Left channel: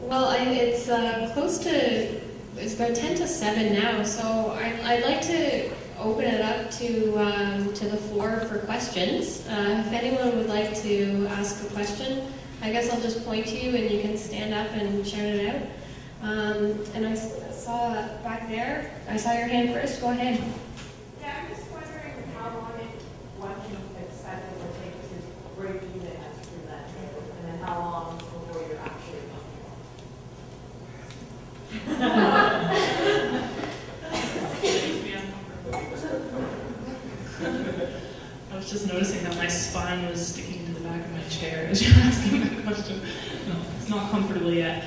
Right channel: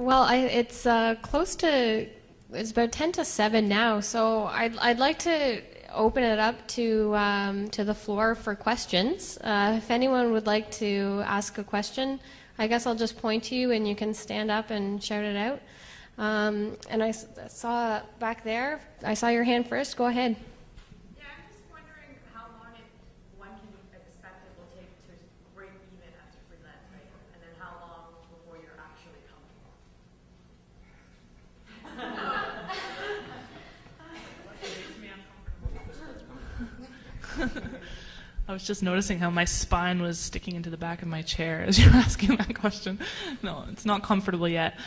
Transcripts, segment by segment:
Well, it's close to, it's about 10 to 7 now, so I'd like to open it up to the floor for questions. If anyone would like to ask a question, I guess I'll just point to you and you can stand up and shout it out. And I saw back there, I saw your hand first, go ahead. Yeah, I'm just wondering how long one can expect it will take to break even as a freelancer, and then how long before you're actually I was just noticing how my spine was sticking into the back of my chair as you're asking that question. No, it's not comfortable yet.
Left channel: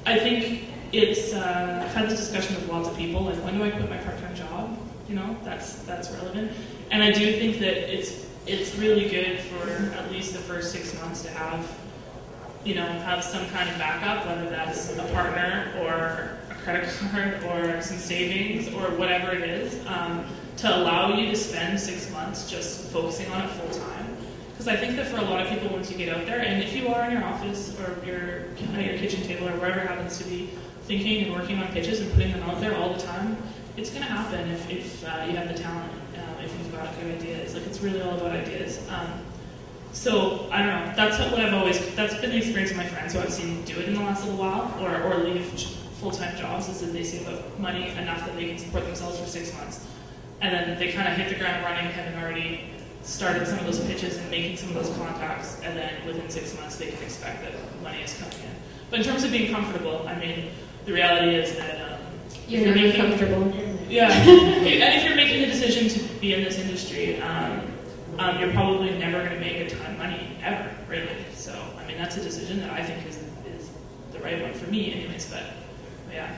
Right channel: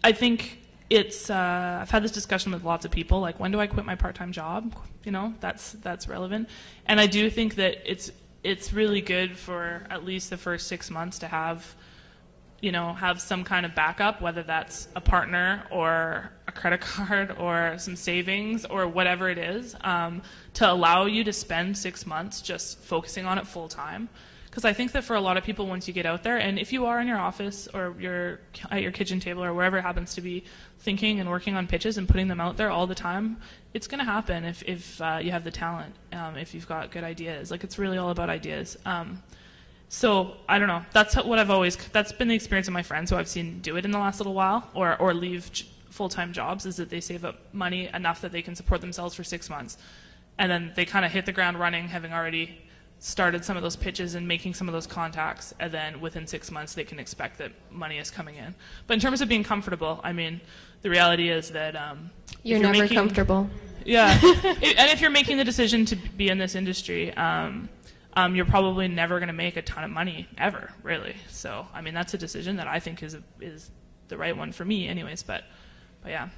I think it's, I've had this discussion with lots of people, like when do I quit my part-time job? You know, that's relevant. And I do think that it's really good for at least the first 6 months to have, you know, have some kind of backup, whether that's a partner or a credit card or some savings or whatever it is, to allow you to spend 6 months just focusing on it full time. Because I think that for a lot of people, once you get out there, and if you are in your office or you're at your kitchen table or wherever it happens to be, thinking and working on pitches and putting them out there all the time, it's going to happen if you have the talent, if you've got good ideas. Like, it's really all about ideas. So, I don't know, that's been the experience of my friends who I've seen do it in the last little while, or leave full-time jobs, is that they save up money enough that they can support themselves for 6 months. And then they kind of hit the ground running, having already started some of those pitches and making some of those contacts, and then within 6 months they can expect that money is coming in. But in terms of being comfortable, I mean, the reality is that you're never comfortable. Yeah, and if you're making the decision to be in this industry, you're probably never going to make a ton of money, ever, really. So, I mean, that's a decision that I think is the right one for me anyways, but yeah.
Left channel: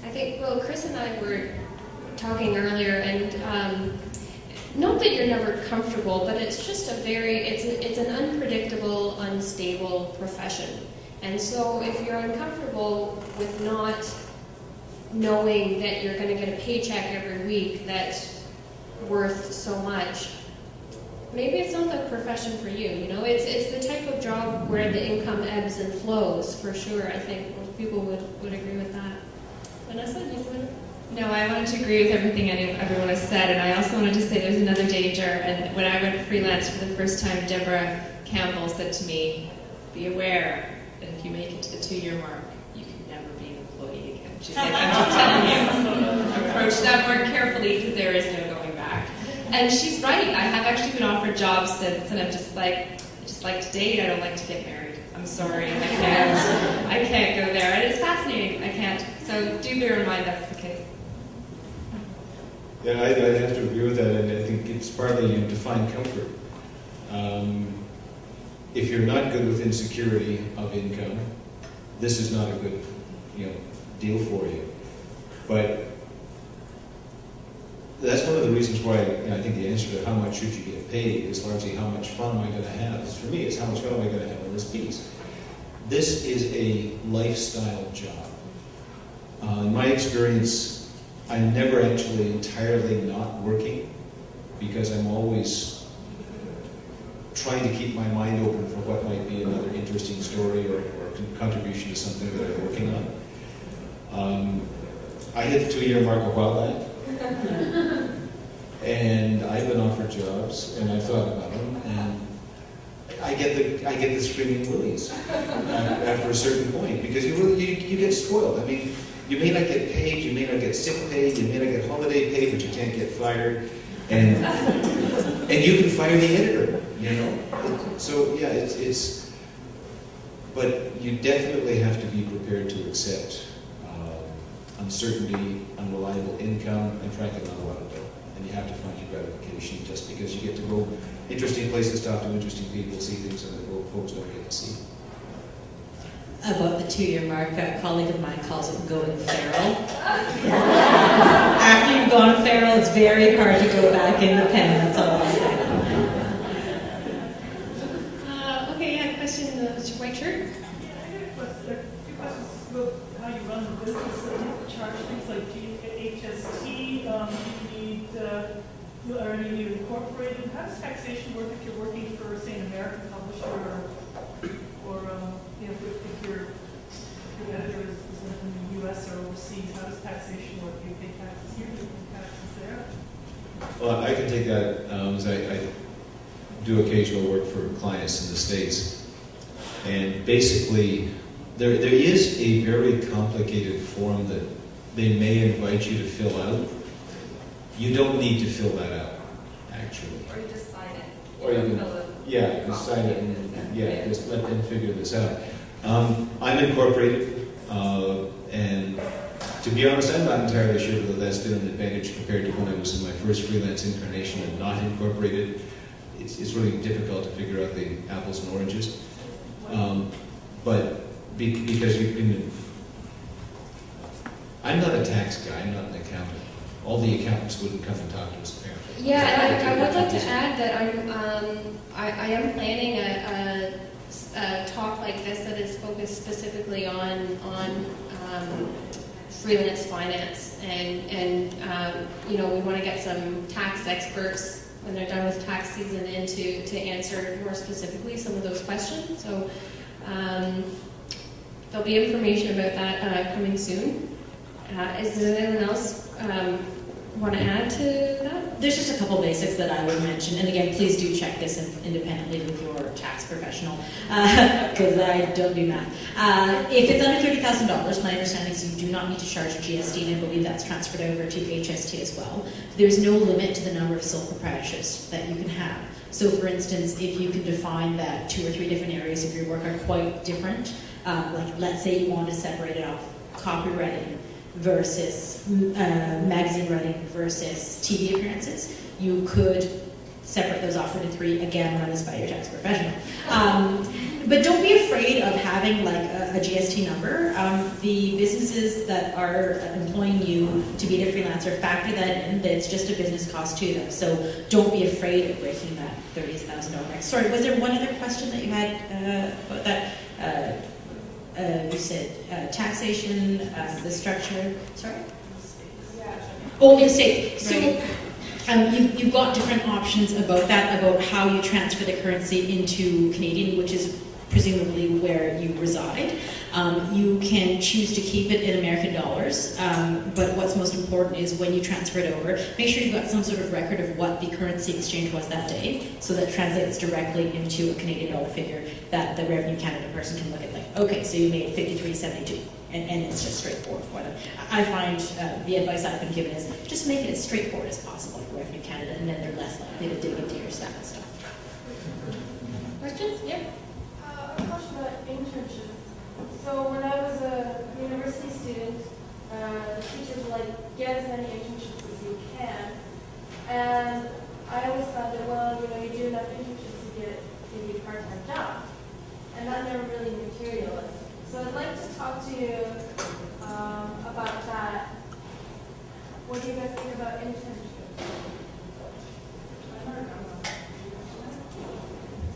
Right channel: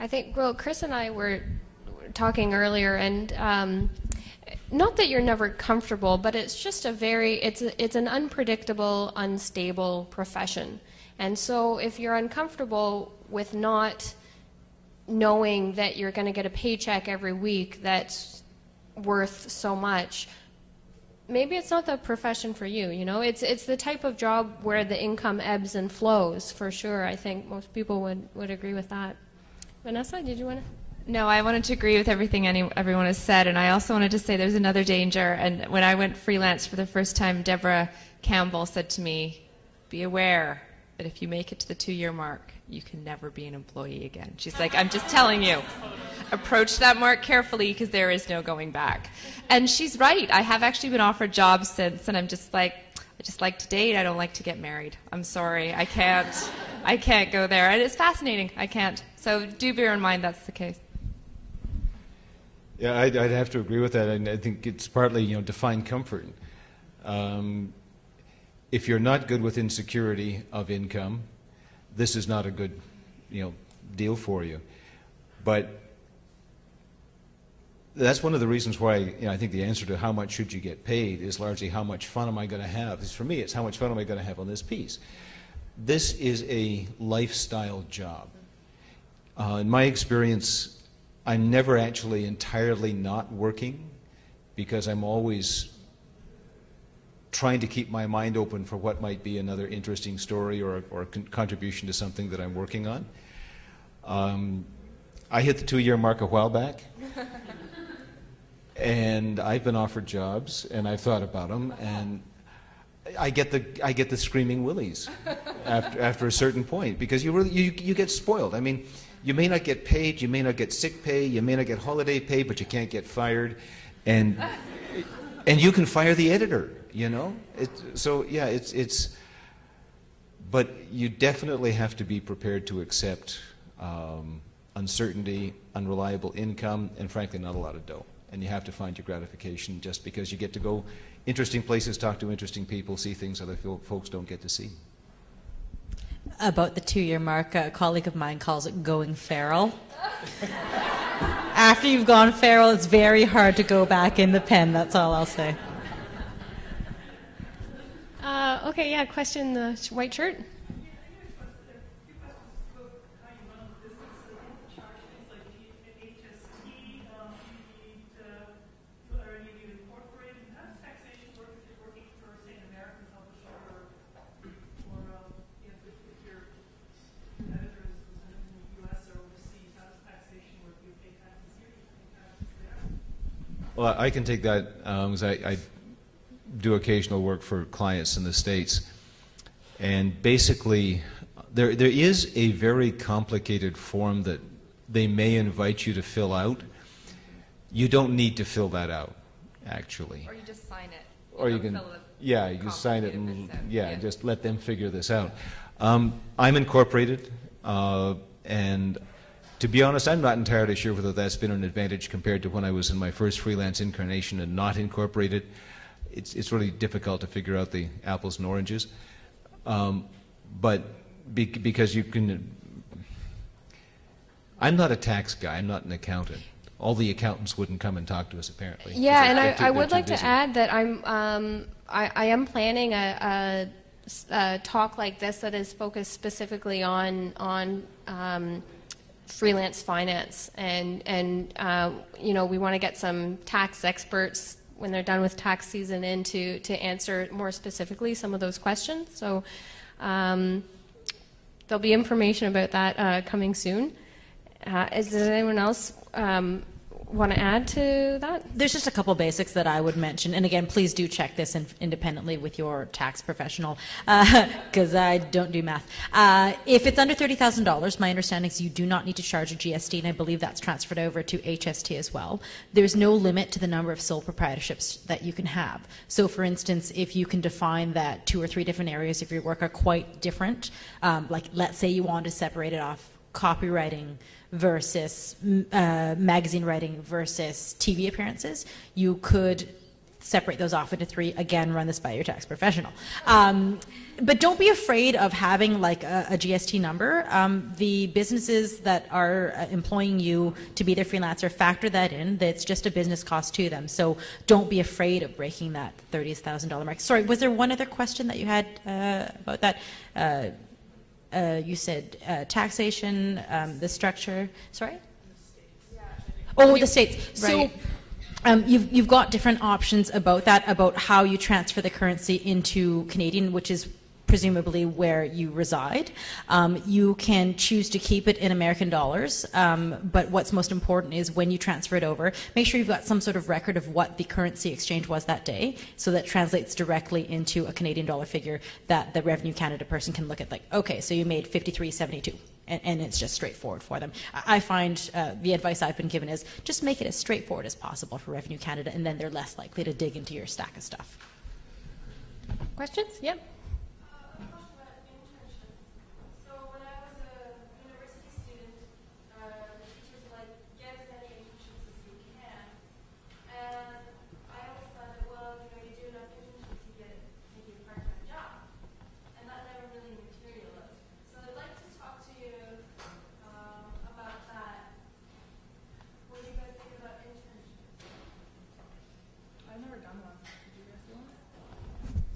I think, well, Chris and I were talking earlier, and not that you're never comfortable, but it's just it's an unpredictable, unstable profession. And so if you're uncomfortable with not knowing that you're going to get a paycheck every week that's worth so much, maybe it's not the profession for you, you know? It's the type of job where the income ebbs and flows, for sure. I think most people would agree with that. Vanessa, do you want to? No, I wanted to agree with everything everyone has said, and I also wanted to say there's another danger. And when I went freelance for the first time, Deborah Campbell said to me, be aware that if you make it to the 2-year mark, you can never be an employee again. She's like, I'm just telling you, approach that more carefully because there is no going back. And she's right. I have actually been offered jobs since, and I'm just like, I just like to date, I don't like to get married. I'm sorry, I can't go there. And it's fascinating, I can't. So do bear in mind that's the case. Yeah, I'd have to agree with that. I think it's partly to find comfort. If you're not good with insecurity of income, this is not a good, deal for you. But that's one of the reasons why I think the answer to how much should you get paid is largely how much fun am I going to have. For me, it's how much fun am I going to have on this piece. This is a lifestyle job. In my experience, I'm never actually entirely not working because I'm always trying to keep my mind open for what might be another interesting story or contribution to something that I'm working on. I hit the 2-year mark a while back, and I've been offered jobs, and I've thought about them, and I get the screaming willies after a certain point because you get spoiled. I mean, you may not get paid, you may not get sick pay, you may not get holiday pay, but you can't get fired, and you can fire the editor, So yeah, it's but you definitely have to be prepared to accept uncertainty, unreliable income, and frankly not a lot of dough. And you have to find your gratification just because you get to go interesting places, talk to interesting people, see things that folks don't get to see. About the 2-year mark, a colleague of mine calls it going feral. After you've gone feral, it's very hard to go back in the pen, that's all I'll say. Okay, yeah, question, the white shirt. A few questions about how you run the business. You charge things like, do you get HST? Do you need, are any of you incorporated? How does taxation work if you're working for, say, an American publisher or if your editor is in the U.S. or overseas, how does taxation work? Do you pay taxes here? Do you pay taxes there? Well, I can take that as I do occasional work for clients in the States. And basically, there is a very complicated form that they may invite you to fill out. You don't need to fill that out, actually. Or you just sign it. Or you can, yeah, you can sign it and just let them figure this out. I'm incorporated, and to be honest, I'm not entirely sure whether that's been an advantage compared to when I was in my first freelance incarnation and not incorporated. It's really difficult to figure out the apples and oranges. But because you can, I'm not a tax guy, I'm not an accountant. All the accountants wouldn't come and talk to us, apparently. Yeah, and I would like to add that I am planning a talk like this that is focused specifically on freelance finance, and we want to get some tax experts when they're done with tax season in to answer more specifically some of those questions. So there'll be information about that coming soon. Is there anyone else want to add to that? There's just a couple basics that I would mention, and again, please do check this independently with your tax professional, because I don't do math. If it's under $30,000, my understanding is you do not need to charge GST, and I believe that's transferred over to HST as well. There's no limit to the number of sole proprietorships that you can have. So for instance, if you can define that 2 or 3 different areas of your work are quite different, like let's say you want to separate it off copywriting versus magazine writing versus TV appearances, you could separate those off into 3. Again, run this by your tax professional. But don't be afraid of having like a GST number. The businesses that are employing you to be their freelancer factor that in, that it's just a business cost to them. So don't be afraid of breaking that $30,000 mark. Sorry, was there one other question that you had about that? You said taxation, the structure. Sorry? Oh, the state. Right. So you've got different options about that, about how you transfer the currency into Canadian, which is presumably where you reside. You can choose to keep it in American dollars, but what's most important is when you transfer it over, make sure you've got some sort of record of what the currency exchange was that day, so that translates directly into a Canadian dollar figure that the Revenue Canada person can look at, like, okay, so you made $53.72. And it's just straightforward for them. I find the advice I've been given is just make it as straightforward as possible for Revenue Canada, and then they're less likely to dig into your stack of stuff. Questions? Yep. A question about internships. So when I was a university student, the teachers were like, get as many internships as you can. And I always thought that, well, you do enough internships to get a part-time job. And that never really materialized. So I'd like to talk to you about that. What do you guys think about internships?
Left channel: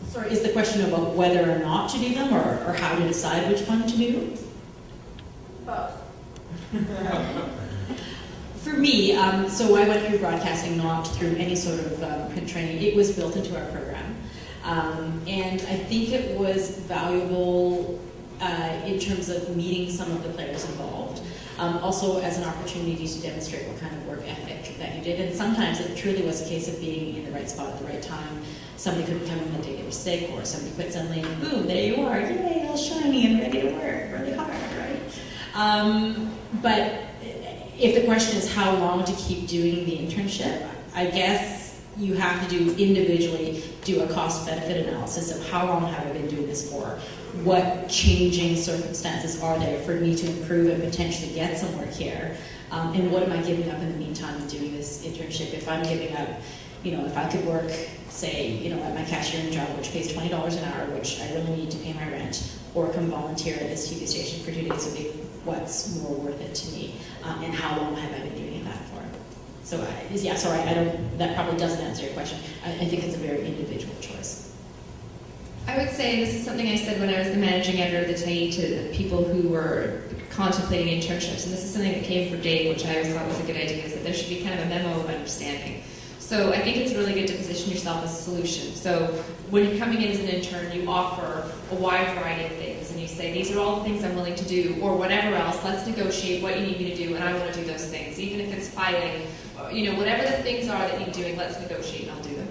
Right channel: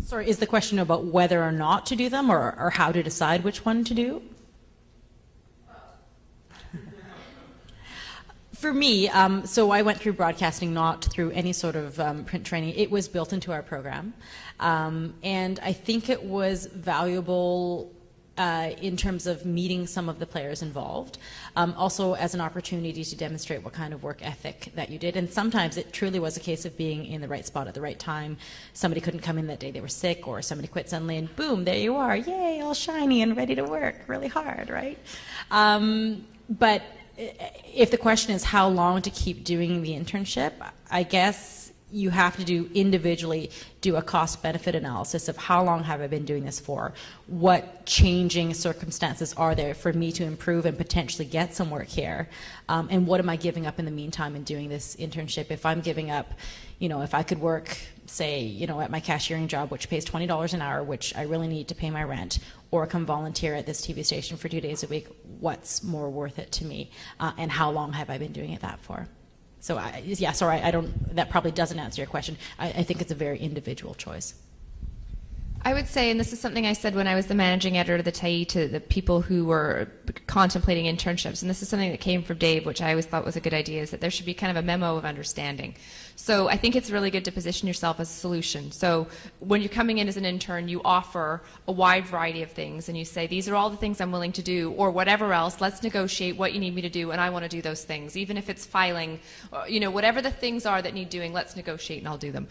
Sorry, is the question about whether or not to do them, or how to decide which one to do? Both. For me, so I went through broadcasting, not through any sort of print training. It was built into our program. And I think it was valuable in terms of meeting some of the players involved. Also as an opportunity to demonstrate what kind of work ethic that you did. And sometimes it truly was a case of being in the right spot at the right time. Somebody couldn't come in that day they were sick, or somebody quit suddenly, and boom, there you are, yay, all shiny and ready to work really hard, right? But if the question is how long to keep doing the internship, I guess you have to do individually do a cost-benefit analysis of how long have I been doing this for? What changing circumstances are there for me to improve and potentially get some work here? And what am I giving up in the meantime of doing this internship? If I'm giving up, if I could work, say, at my cashiering job, which pays $20 an hour, which I really need to pay my rent, or come volunteer at this TV station for 2 days a week, what's more worth it to me? And how long have I been doing it that for? So, that probably doesn't answer your question. I think it's a very individual choice. I would say, and this is something I said when I was the managing editor of the Tyee to the people who were contemplating internships, and this is something that came from Dave, which I always thought was a good idea, is that there should be kind of a memo of understanding. So I think it's really good to position yourself as a solution. So when you're coming in as an intern, you offer a wide variety of things, and you say, these are all the things I'm willing to do, or whatever else, let's negotiate what you need me to do, and I want to do those things. Even if it's filing, whatever the things are that need doing, let's negotiate and I'll do them.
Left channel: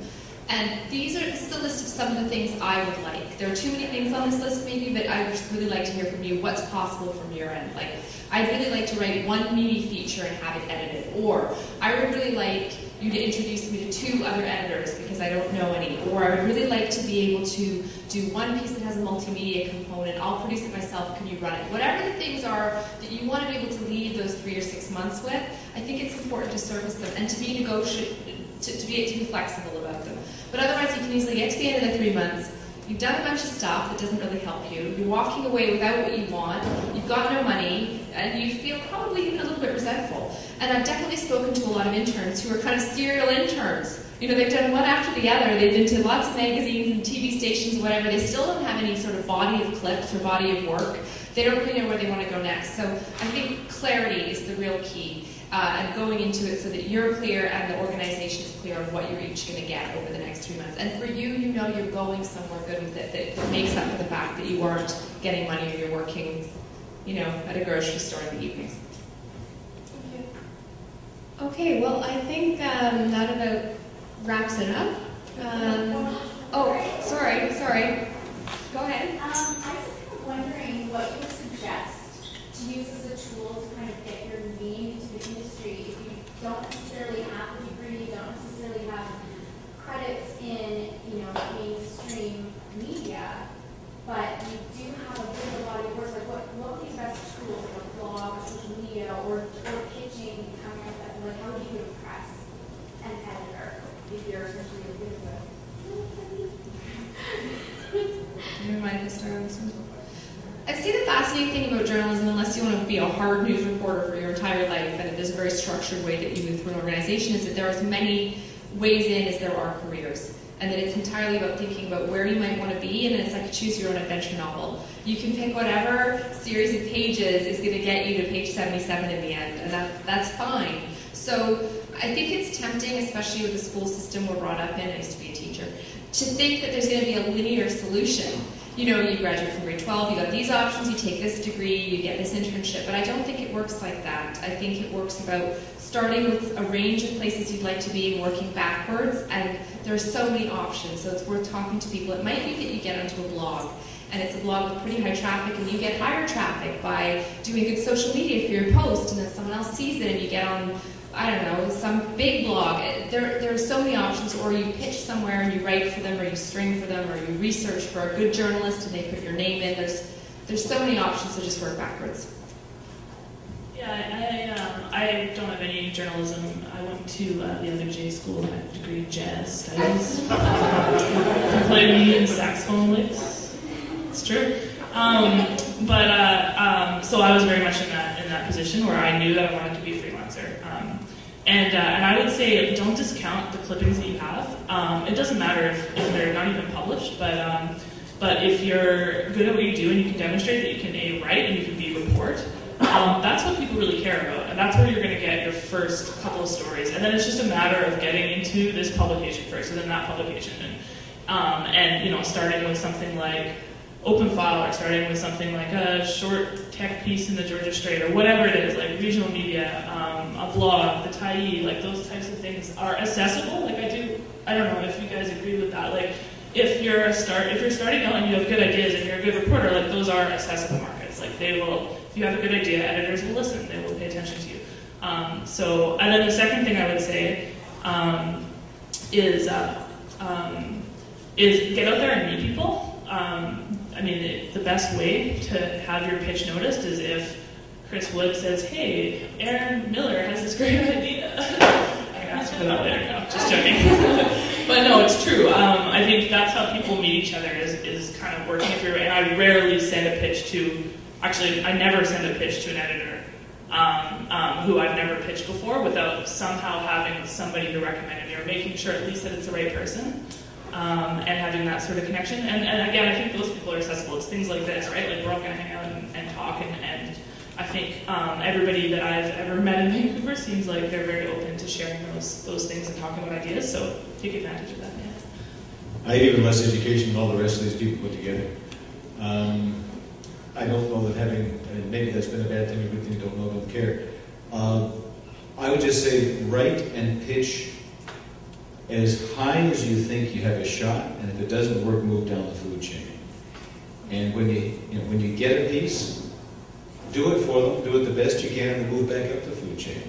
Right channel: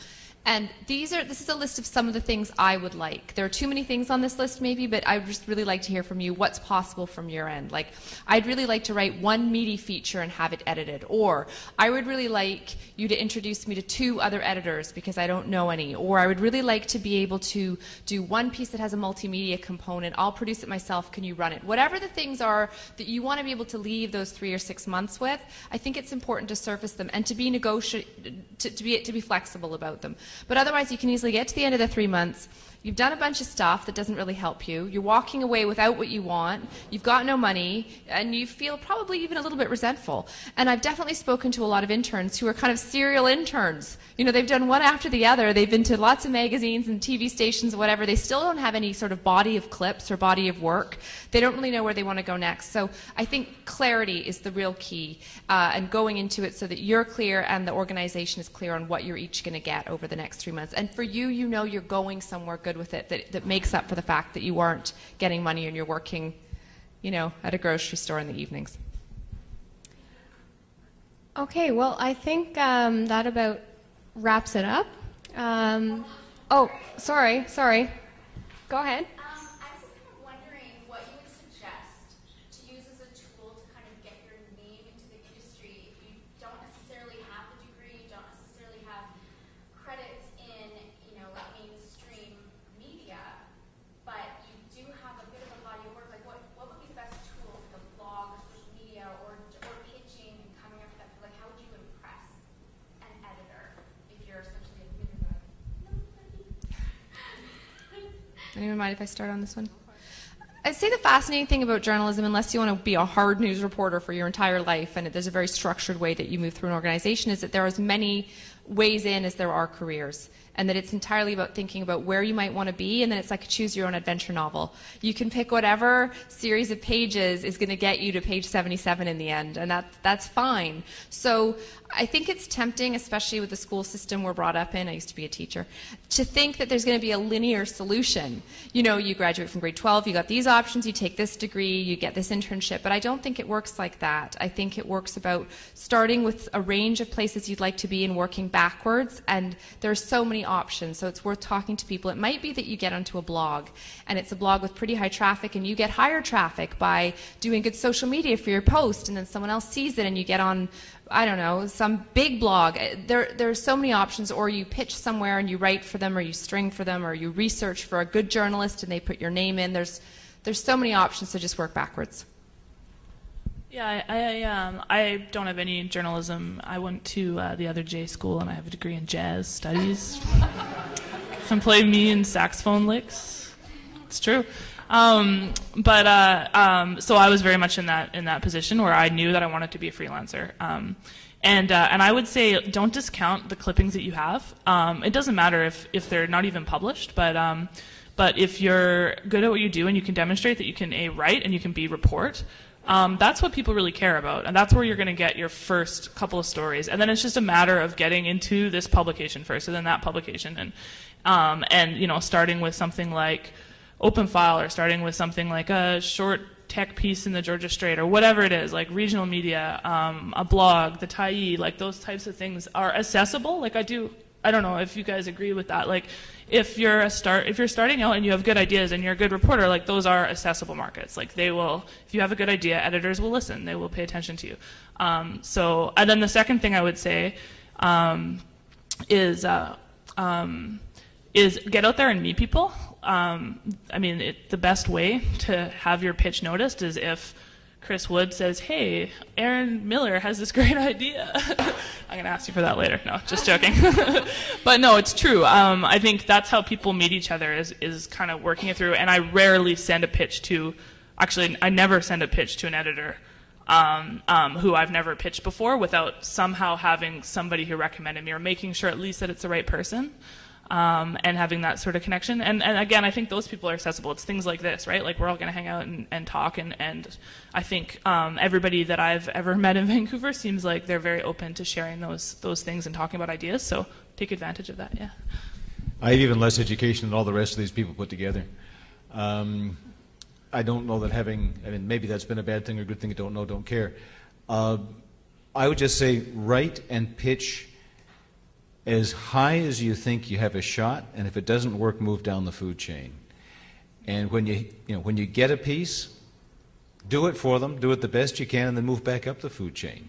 And this is a list of some of the things I would like. There are too many things on this list maybe, but I would just really like to hear from you what's possible from your end. Like, I'd really like to write one meaty feature and have it edited. Or, I would really like you to introduce me to 2 other editors because I don't know any. Or, I would really like to be able to do one piece that has a multimedia component. I'll produce it myself, can you run it? Whatever the things are that you want to be able to leave those 3 or 6 months with, I think it's important to surface them and to be to be flexible about them. But otherwise, you can easily get to the end of the 3 months. You've done a bunch of stuff that doesn't really help you. You're walking away without what you want. You've got no money, and you feel probably even a little bit resentful. And I've definitely spoken to a lot of interns who are kind of serial interns. They've done one after the other. They've been to lots of magazines and TV stations, whatever. They still don't have any sort of body of clips or body of work. They don't really know where they want to go next. So I think clarity is the real key. And going into it so that you're clear and the organization is clear on what you're each going to get over the next 3 months. And for you, you're going somewhere good with it that makes up for the fact that you weren't getting money and you're working, at a grocery store in the evenings. Okay, well, I think that about wraps it up. Sorry. Go ahead. I was wondering what you would suggest to use as a tool to kind of get your name into the industry if you don't necessarily have a degree, you don't necessarily have credits in, mainstream media, but you do have a bit of a body of work. Like what would be the best tools, like a blog or social media or pitching coming up that, like how do you impress an editor if you're essentially a bit of a Never mind if I start on this one. I'd say the fascinating thing about journalism, unless you want to be a hard news reporter for your entire life, and there's a very structured way that you move through an organization, is that there are as many ways in as there are careers. And that it's entirely about thinking about where you might want to be, and then it's like a choose your own adventure novel. You can pick whatever series of pages is going to get you to page 77 in the end, and that's fine. So I think it's tempting, especially with the school system we're brought up in, I used to be a teacher, to think that there's going to be a linear solution. You graduate from grade 12, you got these options, you take this degree, you get this internship, but I don't think it works like that. I think it works about starting with a range of places you'd like to be and working backwards, and there's so many options, so it's worth talking to people. It might be that you get onto a blog, and it's a blog with pretty high traffic, and you get higher traffic by doing good social media for your post, and then someone else sees it and you get on, I don't know, some big blog. There are so many options, or you pitch somewhere and you write for them, or you string for them, or you research for a good journalist and they put your name in. There's so many options to just work backwards. Yeah, I don't have any journalism. I went to the other J school and I have a degree in jazz studies. I played medium saxophone licks. It's true. So I was very much in that position where I knew that I wanted to be a freelancer. And I would say don't discount the clippings that you have. It doesn't matter if they're not even published, but if you're good at what you do and you can demonstrate that you can A, write and you can B, report, that's what people really care about. And that's where you're going to get your first couple of stories. And then it's just a matter of getting into this publication first and then that publication. And starting with something like Open File, or starting with something like a short tech piece in the Georgia Strait, or whatever it is, like regional media, a blog, the Tyee, like those types of things are accessible. Like I don't know if you guys agree with that. Like if you're starting out and you have good ideas and you're a good reporter, like those are accessible markets. Like they will, if you have a good idea, editors will listen, they will pay attention to you. And then the second thing I would say is get out there and meet people. The best way to have your pitch noticed is if Chris Wood says, "Hey, Erin Millar has this great idea." I can ask for that later. No, just joking. But no, it's true. I think that's how people meet each other is kind of working it through. And I rarely send a pitch to, actually, I never send a pitch to an editor who I've never pitched before without somehow having somebody who recommended me or making sure at least that it's the right person. And having that sort of connection. And again, I think those people are accessible. It's things like this, right? Like we're all going to hang out and talk and I think everybody that I've ever met in Vancouver seems like they're very open to sharing those things and talking about ideas, so take advantage of that. Yeah. I had even less education than all the rest of these people put together. I don't know that and maybe that's been a bad thing or a good thing, don't know, don't care. I would just say write and pitch as high as you think you have a shot, and if it doesn't work, move down the food chain. And when you get a piece, do it for them, do it the best you can, and then move back up the food chain.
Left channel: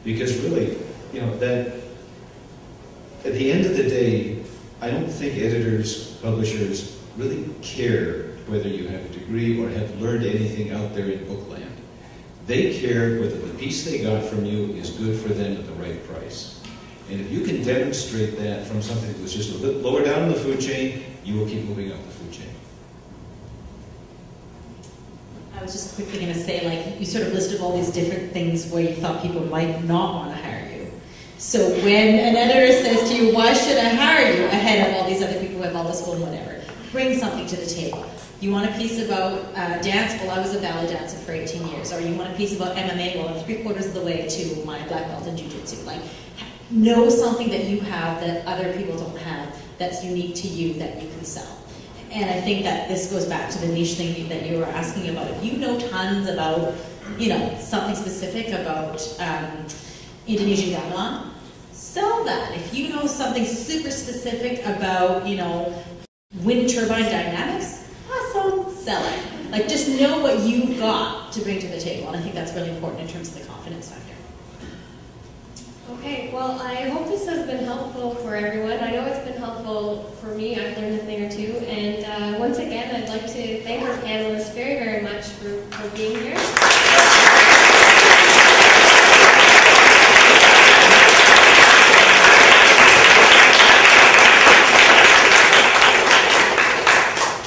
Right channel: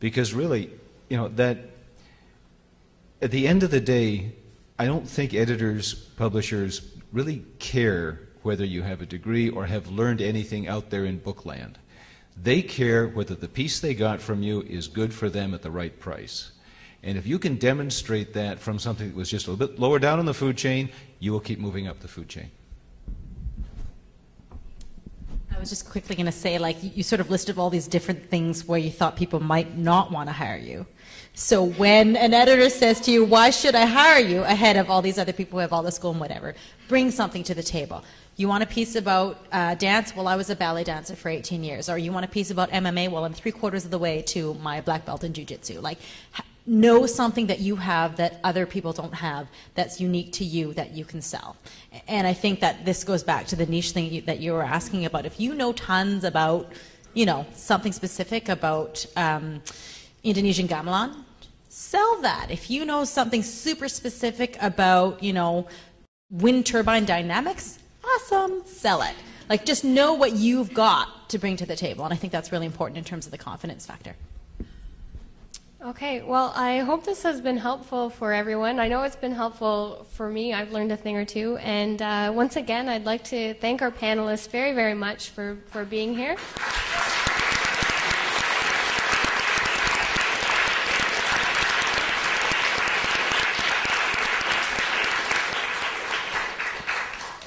Because really, that at the end of the day, I don't think editors, publishers really care whether you have a degree or have learned anything out there in bookland. They care whether the piece they got from you is good for them at the right price. And if you can demonstrate that from something that was just a bit lower down in the food chain, you will keep moving up the food chain. I was just quickly going to say, you sort of listed all these different things where you thought people might not want to hire you. So when an editor says to you, why should I hire you ahead of all these other people who have all this school and whatever, bring something to the table. You want a piece about dance? Well, I was a ballet dancer for 18 years. Or you want a piece about MMA? Well, I'm 3/4 of the way to my black belt in jiu-jitsu. Know something that you have that other people don't have that's unique to you that you can sell. And I think that this goes back to the niche thing that you were asking about. If you know tons about, something specific about Indonesian gamelan, sell that. If you know something super specific about, wind turbine dynamics, awesome, sell it. Just know what you've got to bring to the table. And I think that's really important in terms of the confidence factor. Okay, well, I hope this has been helpful for everyone. I know it's been helpful for me. I've learned a thing or two. And once again, I'd like to thank our panelists very, very much for being here.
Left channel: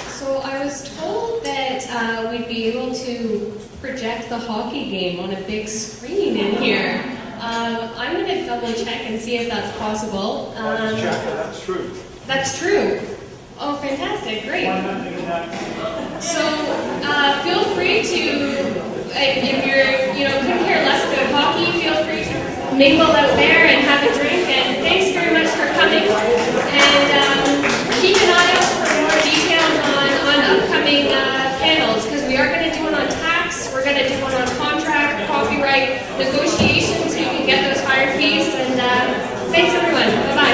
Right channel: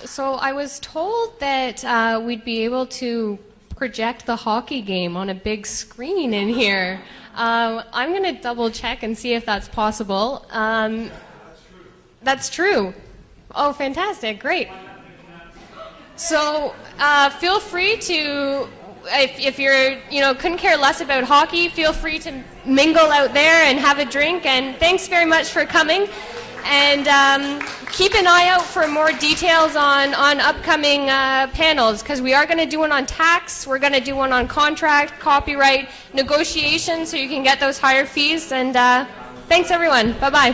So I was told that we'd be able to project the hockey game on a big screen in here. I'm going to double check and see if that's possible. That's true. That's true. Oh, fantastic. Great. So feel free to, if you're, couldn't care less about hockey, feel free to mingle out there and have a drink. And thanks very much for coming. And keep an eye out for more details on upcoming panels, because we are going to do one on tax, we're going to do one on contract, copyright, negotiations, so you can get those higher fees. And thanks, everyone. Bye-bye.